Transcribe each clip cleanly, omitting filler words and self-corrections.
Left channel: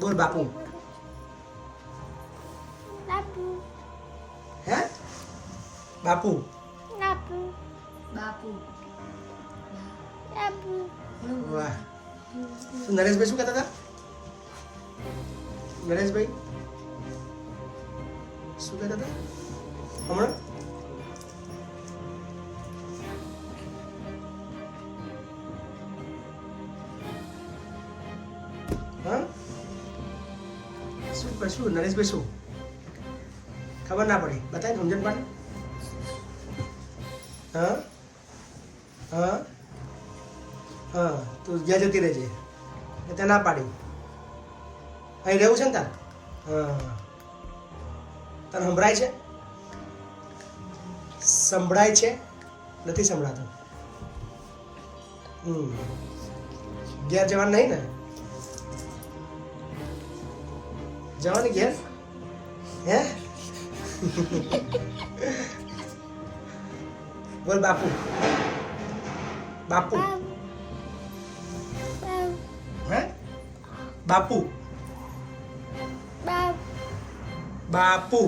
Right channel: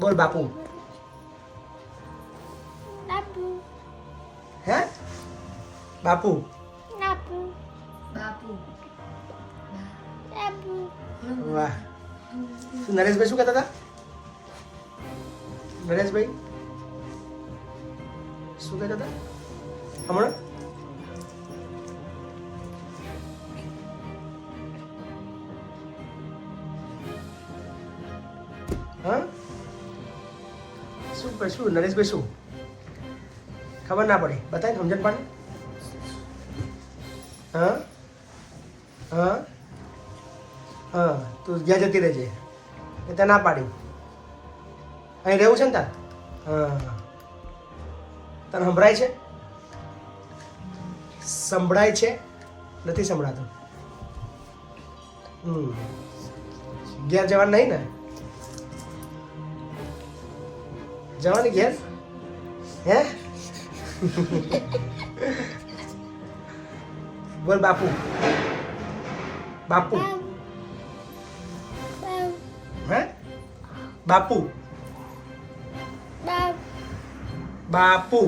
બોલ બાપુ. બાપુ. હે બાપુ. બાપુ. બાપુ. બાપુ. વાહ. નરેશભાઈ શું કહેતા હતા? નરેશભાઈ શું કહેતા હતા હમણાં? હા શું નરેશભાઈ શું ખબર ના પડી બતાય સમજણ પાડે. હા હા હા તું જ્યાં જતી રહેજે એ તે ના પાડી. અહીં રહેવું છે ને તાર? હા તને સંભળાય છે? સંભળાય છે નથી સંભળાતું? ઘેર જવાનું નહીં ને? જવાની ઘેર હે? બોલ બાપુ. બાપુ. હે બાપુ. બાપુ.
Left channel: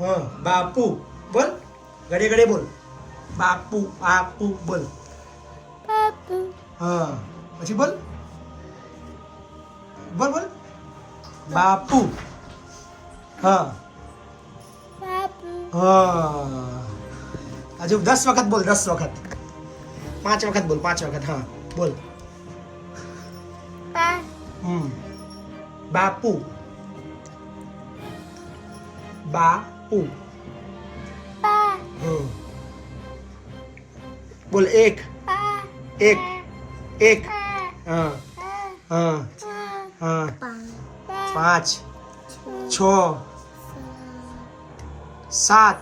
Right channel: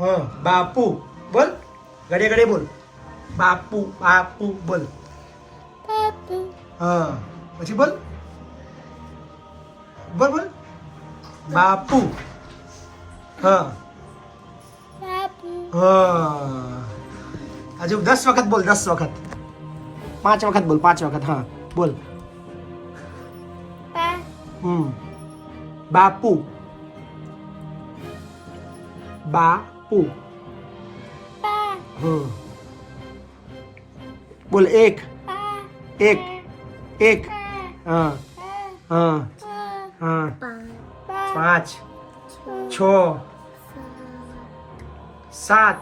હા બાપુ બોલ ઘડે ઘડે બોલ. બાપુ બાપુ બોલ. હા પછી બોલ બોલ બોલ. બાપુ. હા હા હજુ 10 વખત બોલ. 10 વખત 5 વખત બોલ. 5 વખત હા બોલ. બાપુ. બાપુ. બોલ એક. એક. એક. હા હા હા 5 6 7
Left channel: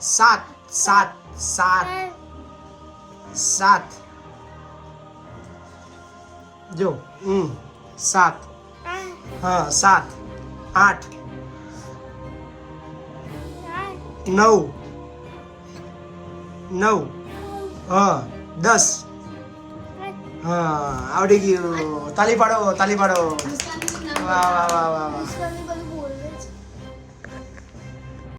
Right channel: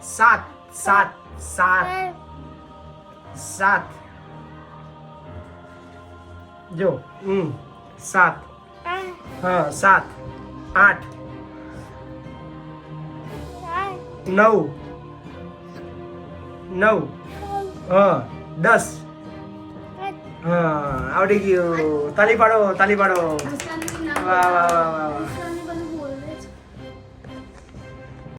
7 7 7 7 જો 7 હા 7 8 9 9 હા 10 હા આવડી ગયું. તાલી પાડો તાલી પાડો. વાહ વાહ વાહ વાહ વાહ.